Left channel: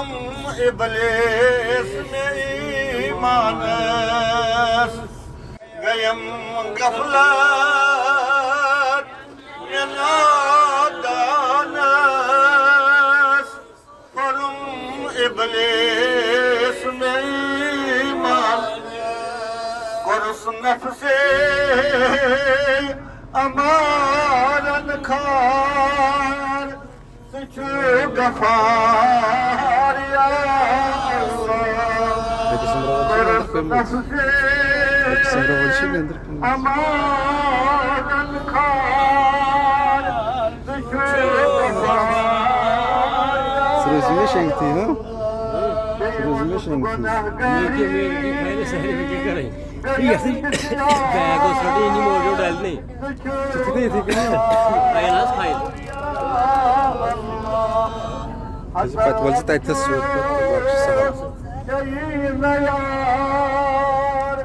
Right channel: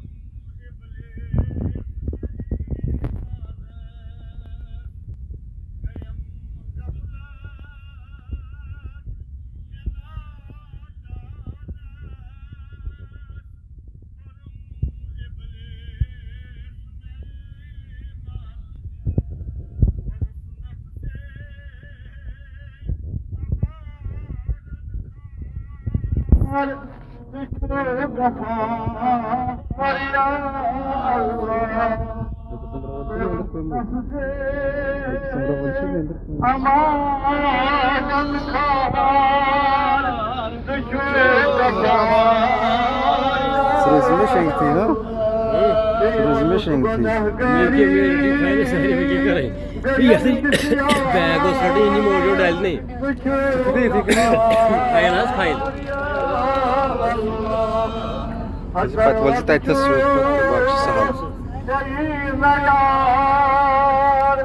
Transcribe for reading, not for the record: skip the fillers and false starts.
Kurum iblis में ईमानस गयम गफलत में नादानस कुrum iblis में ईमान कुर्स नफ्से अमारन खार गफार या अमारन खार Sırasında şenkti ha? Sırasında şenkti. Bag और शर्ट उन्हीं मोजो डालने fine fine Patvolcu taytla soğuk bakışı sağlam. Yar,